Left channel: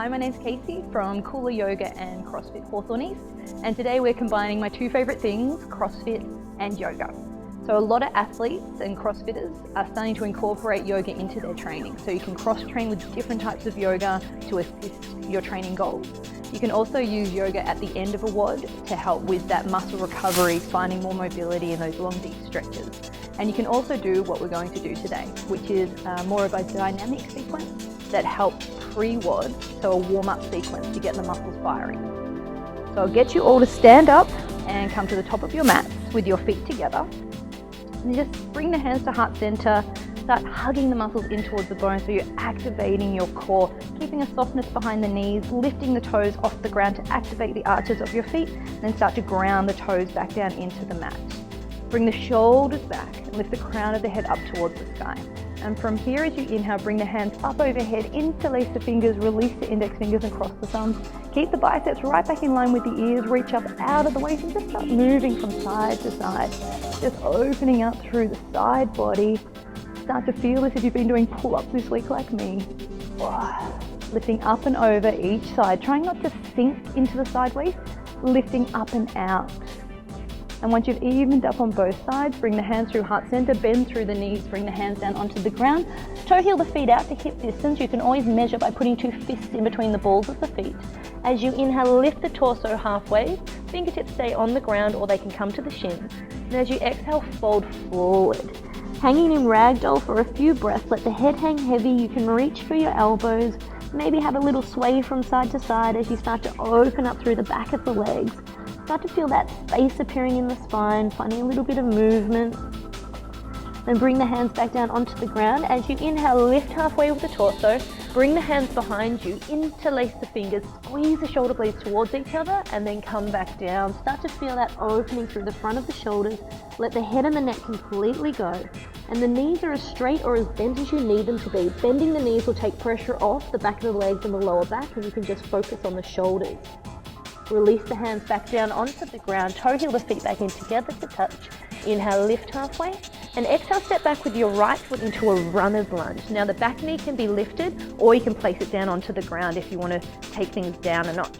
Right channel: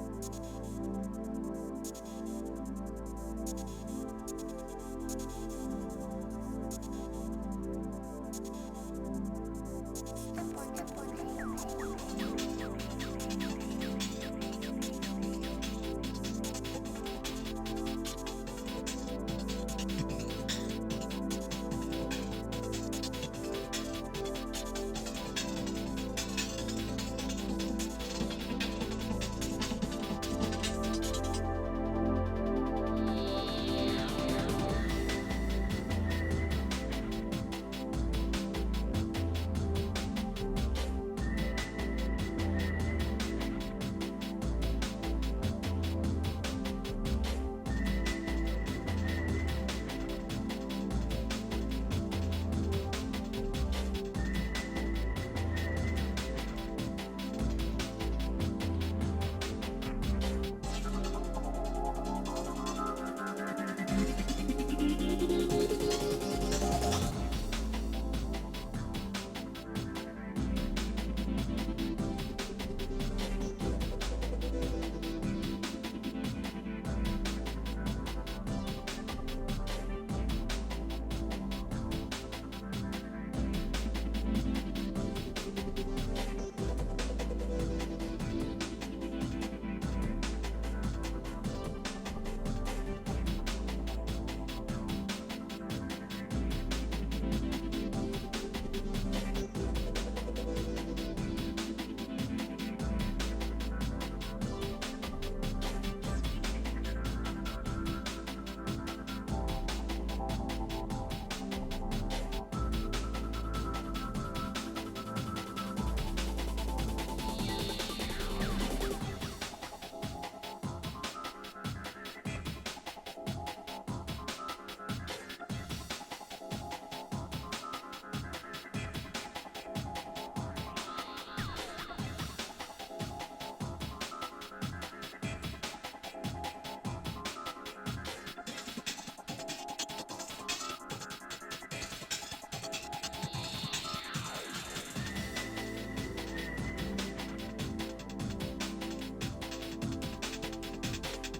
Hi, my name's Kacey from Cooler Yoga and Crossfit Hawthornies, and today we're combining my two favorite things, CrossFit and yoga. So a lot of athletes and CrossFitters are starting to incorporate yoga into their training. So you can cross-train with different types of yoga to assist your training goals. You can also use yoga at the end of a WOD to help with that muscle recovery, finding more mobility in those long, deep stretches. And you can also do what we're going to do today, which is more of a dynamic sequence that helps pre-WOD, so a warm-up sequence to get the muscles firing. So I'll get you all to stand up and come to the top of your mat with your feet together. And just bring the hands to heart center, start hugging the muscles in towards the bone so you're activating your core, keeping a softness behind the knees, lifting the toes off the ground to activate the arches of your feet, and then start to ground the toes back down into the mat. Bring the shoulders back and lift the crown of the head up towards the sky. And from here, as you inhale, bring the hands up overhead, interlace the fingers, release the index fingers across the thumbs. Keep the biceps right back in line with the ears, reach up out of the waist and just start moving from side to side. Just opening up through the side body. Start to feel as if you've been doing pull-ups this week like me. Lifting up and over each side, trying not to sink into the sideways, lifting up and out. And once you've evened up on both sides, bring the hands through heart center, bend through the knees, bring the hands down onto the ground. Toe heel the feet out to hip distance. You can always measure by putting two fists in between the balls of the feet. As you inhale, lift the torso halfway. Fingertips stay on the ground or they can come to the shins. And as you exhale, fold forward. Hanging in ragdoll for a few breaths, let the head hang heavy. You can reach for your elbows. Maybe have a little sway from side to side as you start to open up through the back of the legs. Start to feel that space appearing in the spine, finding a little bit of movement. Then bring the hands back down onto the ground. As you inhale, lift halfway with the torso. Bring the hands behind you, interlace the fingers, squeeze the shoulder blades towards each other, and then come back down. Start to feel that opening through the front of the shoulders. Let the head and the neck completely go. And the knees are as straight or as bent as you need them to be. Bending the knees will take pressure off the back of the legs and the lower back, and you can just focus on the shoulders. Release the hands back down onto the ground. Toe heel the feet back in together to touch. Inhale, lift halfway. And exhale, step back with your right foot into a runner's lunge. Now the back knee can be lifted, or you can place it down onto the ground if you want to take things down a notch.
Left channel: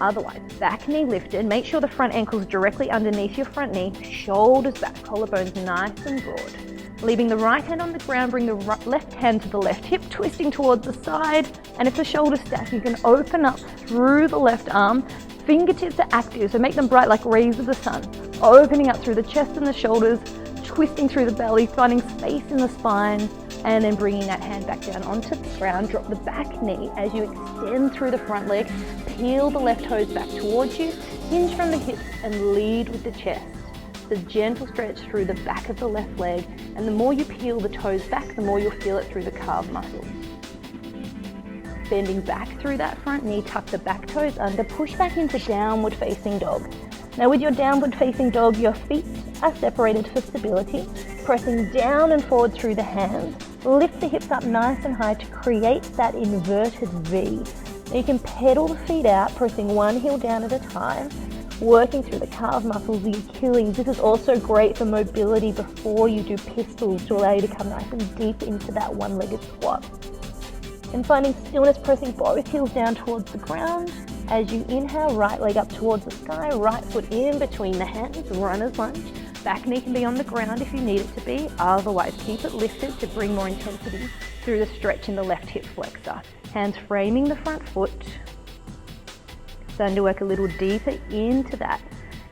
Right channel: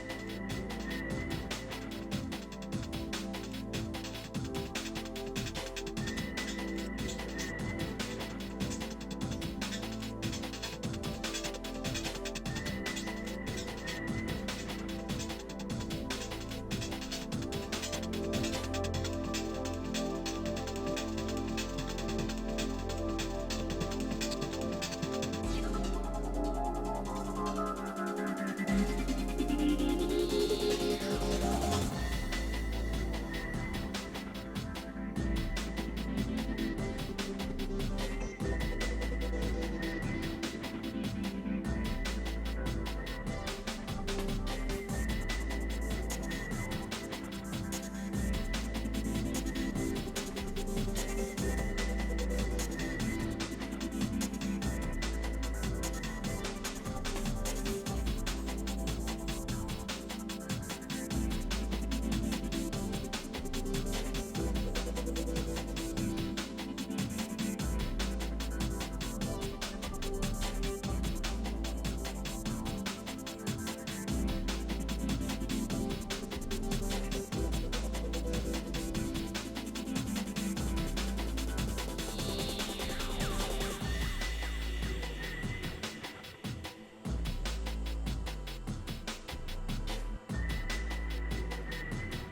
Otherwise, back knee lifted. Make sure the front ankle is directly underneath your front knee. Shoulders back, collarbones nice and broad. Leaving the right hand on the ground, bring the left hand to the left hip, twisting towards the side. And if the shoulders stack, you can open up through the left arm. Fingertips are active, so make them bright like rays of the sun. Opening up through the chest and the shoulders, twisting through the belly, finding space in the spine, and then bringing that hand back down onto the ground. Drop the back knee as you extend through the front leg. Peel the left toes back towards you, hinge from the hips, and lead with the chest. It's a gentle stretch through the back of the left leg, and the more you peel the toes back, the more you'll feel it through the calf muscles. Bending back through that front knee, tuck the back toes under, push back into downward facing dog. Now with your downward facing dog, your feet are separated for stability, pressing down and forward through the hands. Lift the hips up nice and high to create that inverted V. Now you can pedal the feet out, pressing one heel down at a time, working through the calf muscles, the Achilles. This is also great for mobility before you do pistols to allow you to come nice and deep into that one-legged squat. And finding stillness, pressing both heels down towards the ground. As you inhale, right leg up towards the sky, right foot in between the hands, runner's lunge. Back knee can be on the ground if you need it to be. Otherwise, keep it lifted to bring more intensity through the stretch in the left hip flexor. Hands framing the front foot. Starting to work a little deeper into that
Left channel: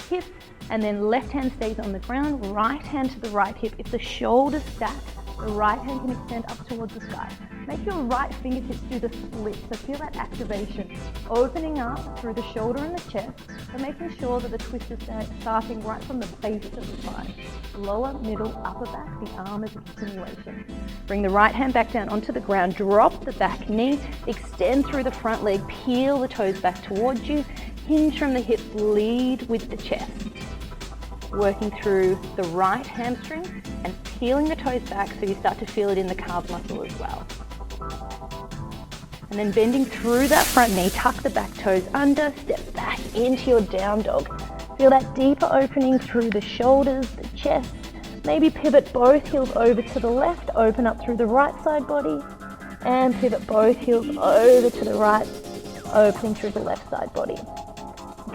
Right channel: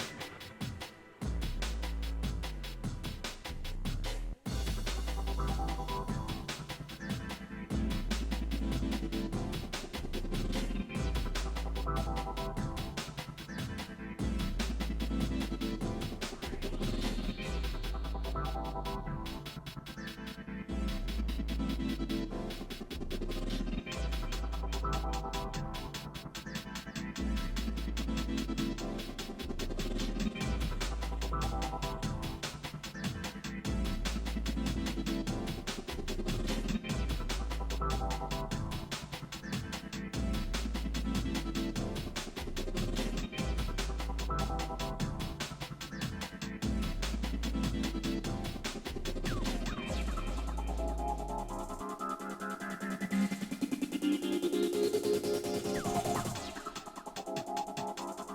hip. And then left hand stays on the ground, right hand to the right hip. If the shoulders stack, the right hand can extend up towards the sky. Make your right fingertips do the split, so feel that activation. Opening up through the shoulder and the chest, and making sure that the twist is starting right from the base of the spine. Lower, middle, upper back, the arm is a continuation. Bring the right hand back down onto the ground, drop the back knee, extend through the front leg, peel the toes back towards you, hinge from the hips, lead with the chest. Working through the right hamstring and peeling the toes back so you start to feel it in the calf muscle as well. And then bending through that front knee, tuck the back toes under, step back into your down dog. Feel that deeper opening through the shoulders, the chest. Maybe pivot both heels over to the left, open up through the right side body, and pivot both heels over to the right. open through the left side body.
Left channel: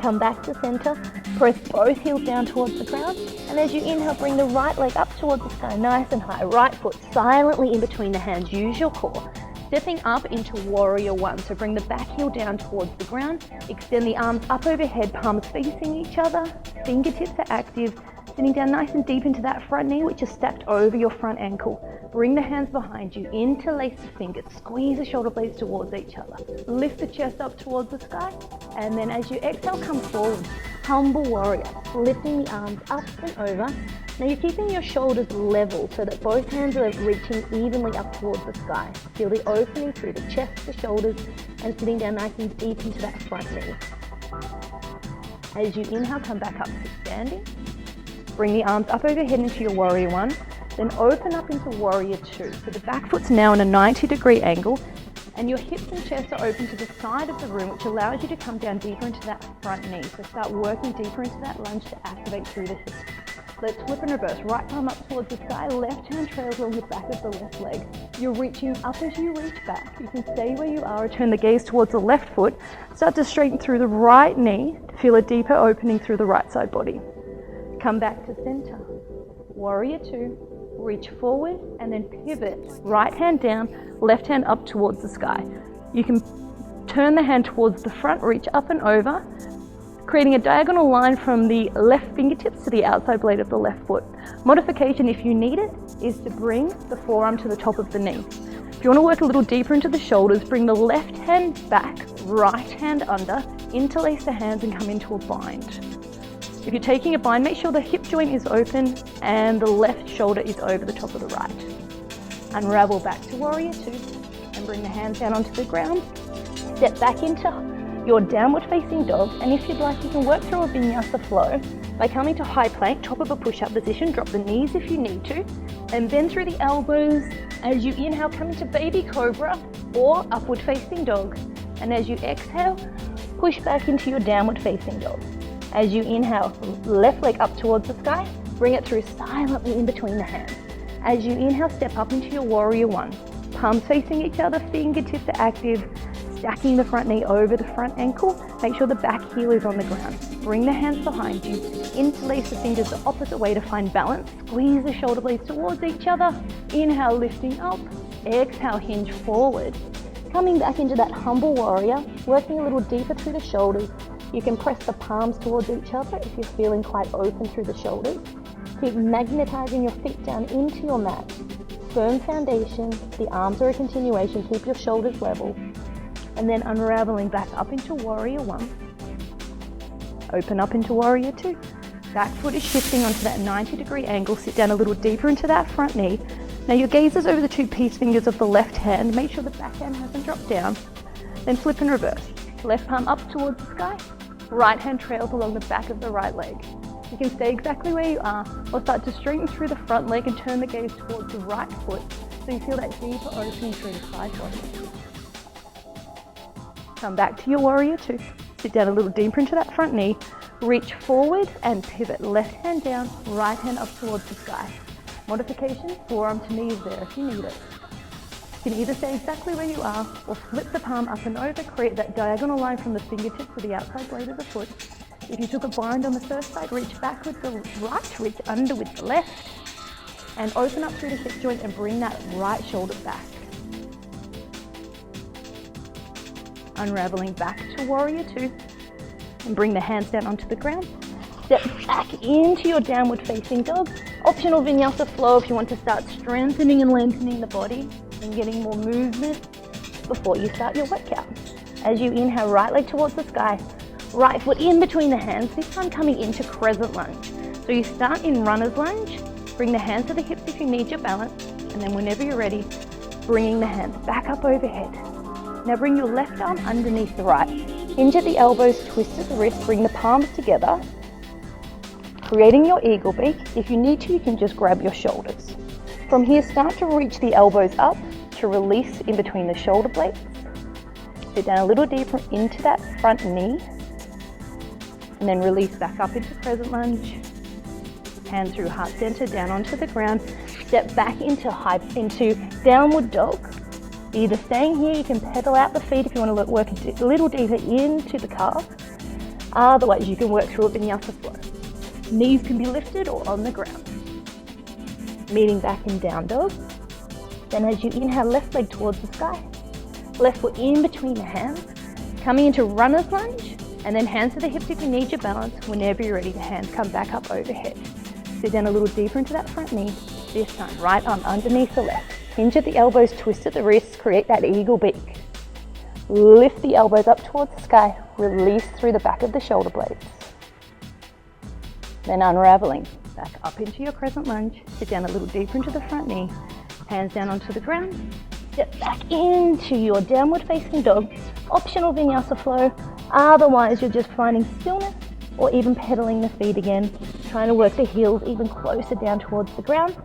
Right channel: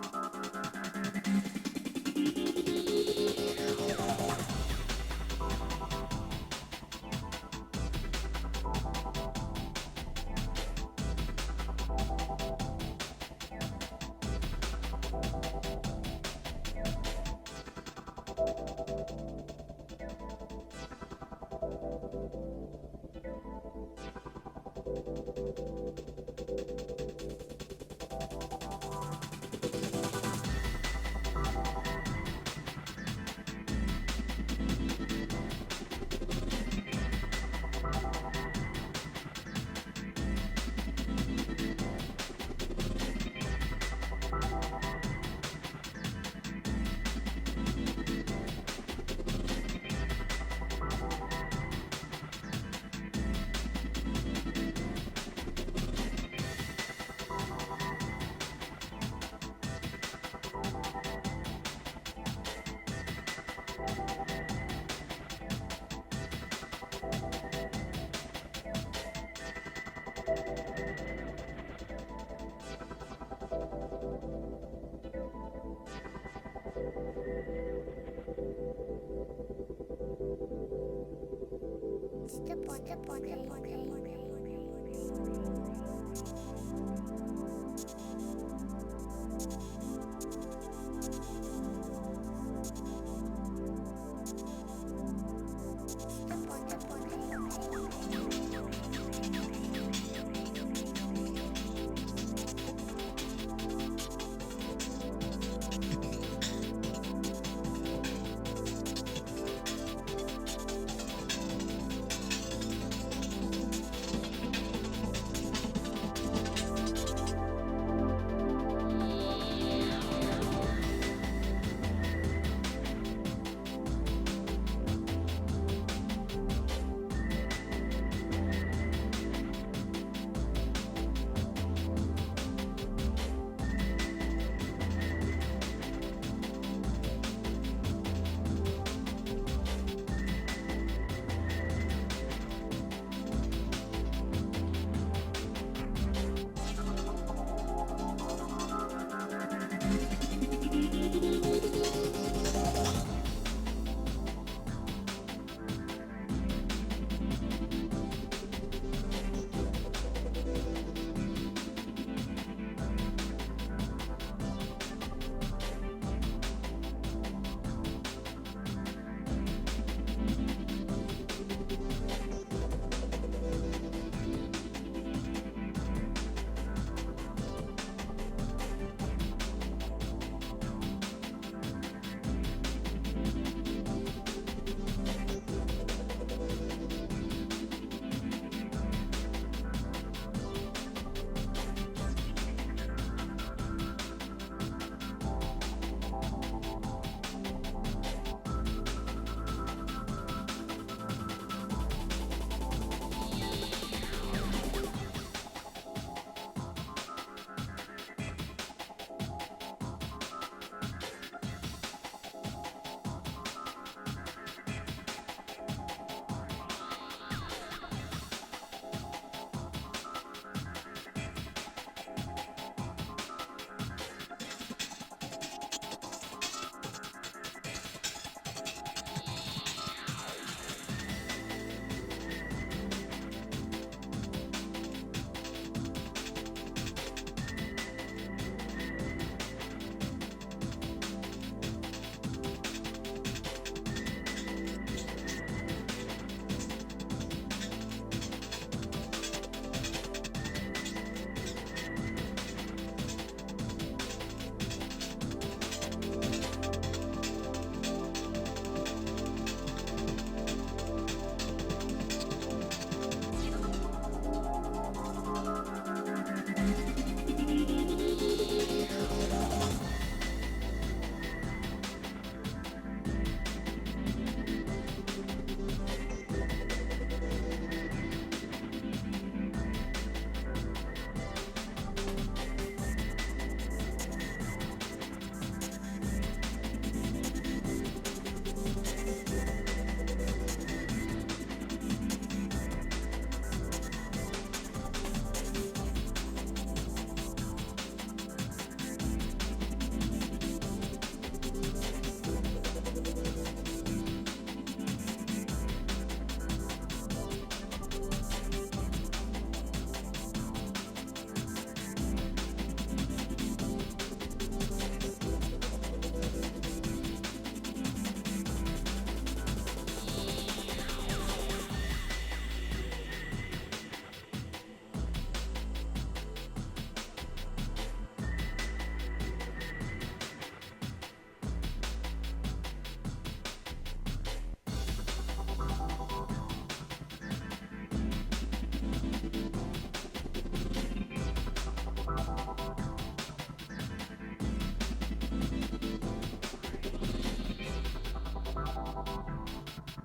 Come back to center, press both heels down towards the ground, and as you inhale, bring the right leg up towards the sky, nice and high. Right foot silently in between the hands, use your core. Stepping up into warrior one, so bring the back heel down towards the ground, extend the arms up overhead, palms facing each other, fingertips are active, sitting down nice and deep into that front knee, which is stacked over your front ankle. Bring the hands behind you, interlace the fingers, squeeze the shoulder blades towards each other. Lift the chest up towards the sky, and then as you exhale, come forward, humble warrior, lifting the arms up and over. Now you're keeping your shoulders level so that both hands are reaching evenly up towards the sky. Feel the opening through the chest, the shoulders, and sitting down nice and deep into that front knee. As you inhale, come back up to standing. Bring the arms up overhead into your warrior one, then open up into warrior two. So the back foot's now in a 90-degree angle, and your hips and chest are open to the side of the room, which allows you to come down deeper into that front knee. So start working deeper into that lunge to activate through the hips. Let's flip and reverse. Right palm up towards the sky, left hand trails along the back of the left leg. You're reaching up as you reach back. You can stay where you are, return the gaze towards the left foot. Start to straighten through the right knee to feel a deeper opening through the right side body. Come back to center. Warrior two, reach forward and then pivot. Right hand down, left hand up towards the sky. You can turn the hand towards the front, reach up and over, creating a diagonal line from the left fingertips to the outside blade of the left foot. Modification, if you need it, is to bring the forearm to the top of the knee. If you want to work a little deeper into the shoulders, bring the left hand back, right hand under, interlace the hands and come into a bind. If you're taking a bind, make sure the hip joint is open and the left shoulder is over the top of the right. Unravel back to warrior two and bring the hands down onto the ground. Step back into your downward facing dog, and if you'd like, you can work through a vinyasa flow by coming to high plank, top of a push-up position, drop the knees if you need to, and then through the elbows. As you inhale, come into baby cobra or upward facing dog, and as you exhale, push back into your downward facing dog. As you inhale, left leg up towards the sky, bring it through silently in between the hands. As you inhale, step up into your warrior one, palms facing each other, fingertips are active, stacking the front knee over the front ankle. Make sure the back heel is on the ground. Bring the hands behind you. Interlace the fingers the opposite way to find balance. Squeeze the shoulder blades towards each other. Inhale, lifting up. Exhale, hinge forward. Coming back into that humble warrior, working a little deeper through the shoulders. You can press the palms towards each other if you're feeling quite open through the shoulders. Keep magnetizing your feet down into your mat. Firm foundation. The arms are a continuation. Keep your shoulders level. And then unraveling back up into warrior one. Open up into warrior two. Back foot is shifting onto that 90-degree angle. Sit down a little deeper into that front knee. Now your gaze is over the two peace fingers of the left hand. Make sure the back hand hasn't dropped down. Then flip and reverse. Left palm up towards the sky. Right hand trails along the back of the right leg. You can stay exactly where you are or start to straighten through the front leg and turn the gaze towards the right foot so you feel that deeper opening through the side body. Come back to your warrior two. Sit down a little deeper into that front knee. Reach forward and pivot. Left hand down, right hand up towards the sky. Modification, forearm to knee is there if you need it. You can either stay exactly where you are or flip the palm up and over, create that diagonal line from the fingertips to the outside blade of the foot. If you took a bind on the first side, reach back with the right, reach under with the left, and open up through the hip joint and bring that right shoulder back. Unraveling back to warrior two and bring the hands down onto the ground. Step back into your downward facing dog. Optional vinyasa flow if you want to start strengthening and lengthening the body and getting more movement before you start your workout. As you inhale, right leg towards the sky, right foot in between the hands, this time coming into crescent lunge. So you start in runner's lunge, bring the hands to the hips if you need your balance, and then whenever you're ready, bringing the hands back up overhead. Now bring your left arm underneath the right. Hinge at the elbows, twist at the wrist, bring the palms together, creating your eagle beak. If you need to, you can just grab your shoulders. From here, start to reach the elbows up to release in between the shoulder blades. Sit down a little deeper into that front knee, and then release back up into crescent lunge. Hands through heart center, down onto the ground. Step back into downward dog. Either staying here, you can pedal out the feet if you want to work a little deeper into the calf. Otherwise, you can work through a Vinyasa flow. Knees can be lifted or on the ground. Meeting back in down dog. Then as you inhale, left leg towards the sky. Left foot in between the hands. Coming into runner's lunge, and then hands to the hips if you need your balance. Whenever you're ready, your hands come back up overhead. Sit down a little deeper into that front knee. This time, right arm underneath the left. Hinge at the elbows, twist at the wrists, create that eagle beak. Lift the elbows up towards the sky, release through the back of the shoulder blades. Then unraveling, back up into your crescent lunge, sit down a little deeper into the front knee, hands down onto the ground, step back into your downward facing dog, optional Vinyasa flow, otherwise you're just finding stillness or even pedaling the feet again, trying to work the heels even closer down towards the ground,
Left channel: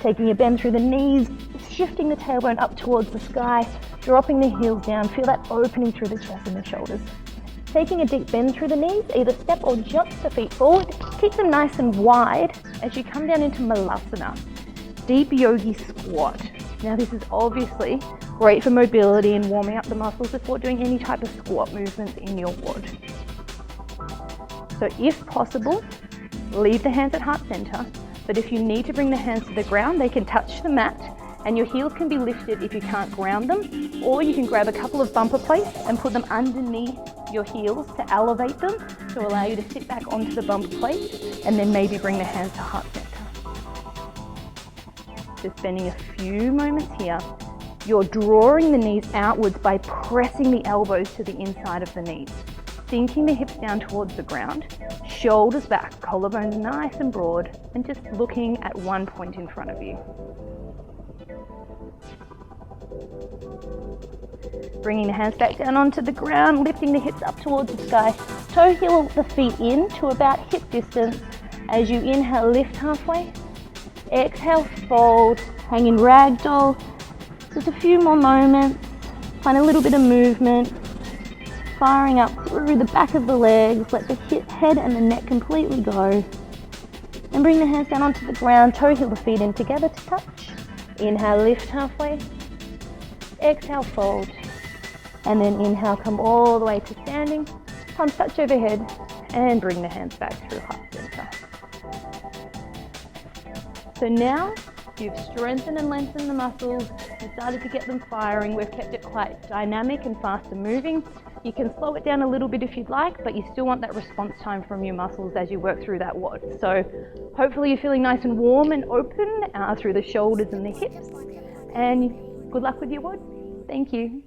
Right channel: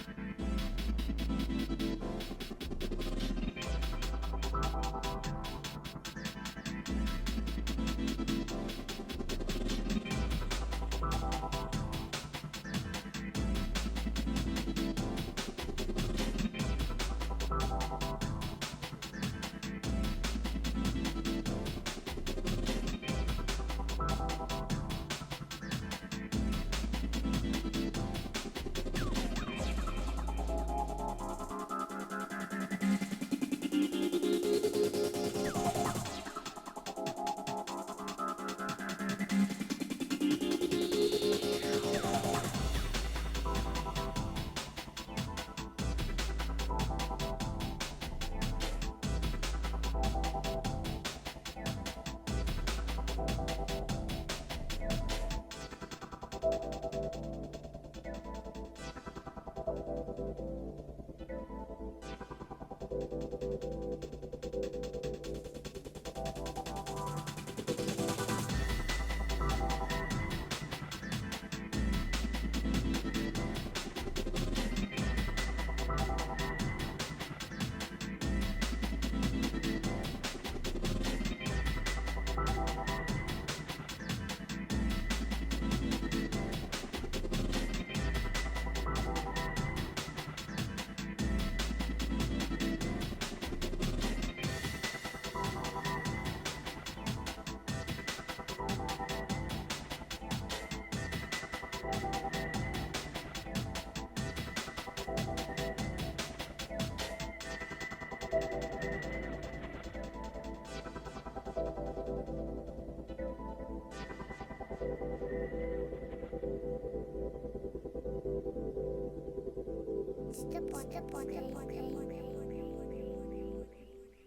taking a bend through the knees, shifting the tailbone up towards the sky, dropping the heels down, feel that opening through the chest and the shoulders. Taking a deep bend through the knees, either step or jump the feet forward, keep them nice and wide as you come down into Malasana, deep yogi squat. Now this is obviously great for mobility and warming up the muscles before doing any type of squat movements in your WOD. So if possible, leave the hands at heart center, but if you need to bring the hands to the ground, they can touch the mat and your heels can be lifted if you can't ground them, or you can grab a couple of bumper plates and put them underneath your heels to elevate them to allow you to sit back onto the bumper plate and then maybe bring the hands to heart center. Just spending a few moments here. You're drawing the knees outwards by pressing the elbows to the inside of the knees. Sinking the hips down towards the ground, shoulders back, collarbones nice and broad, and just looking at one point in front of you. Bringing the hands back down onto the ground, lifting the hips up towards the sky. Toe heel the feet in to about hip distance. As you inhale, lift halfway. Exhale, fold, hang in ragdoll. Just a few more moments. Find a little bit of movement. Firing up through the back of the legs, let the head and the neck completely go. And bring the hands down onto the ground, toe heel the feet in together to touch. Inhale, lift halfway. Exhale, fold. And then inhale, come all the way to standing. Palms touch overhead and bring the hands back through heart center. So now you've strengthened and lengthened the muscles. You started to get them firing. We've kept it quite dynamic and faster moving. You can slow it down a little bit if you'd like, but you still want that response time from your muscles as you work through that WOD. So hopefully you're feeling nice and warm and open through the shoulders and the hips. And good luck with your WOD. Thank you.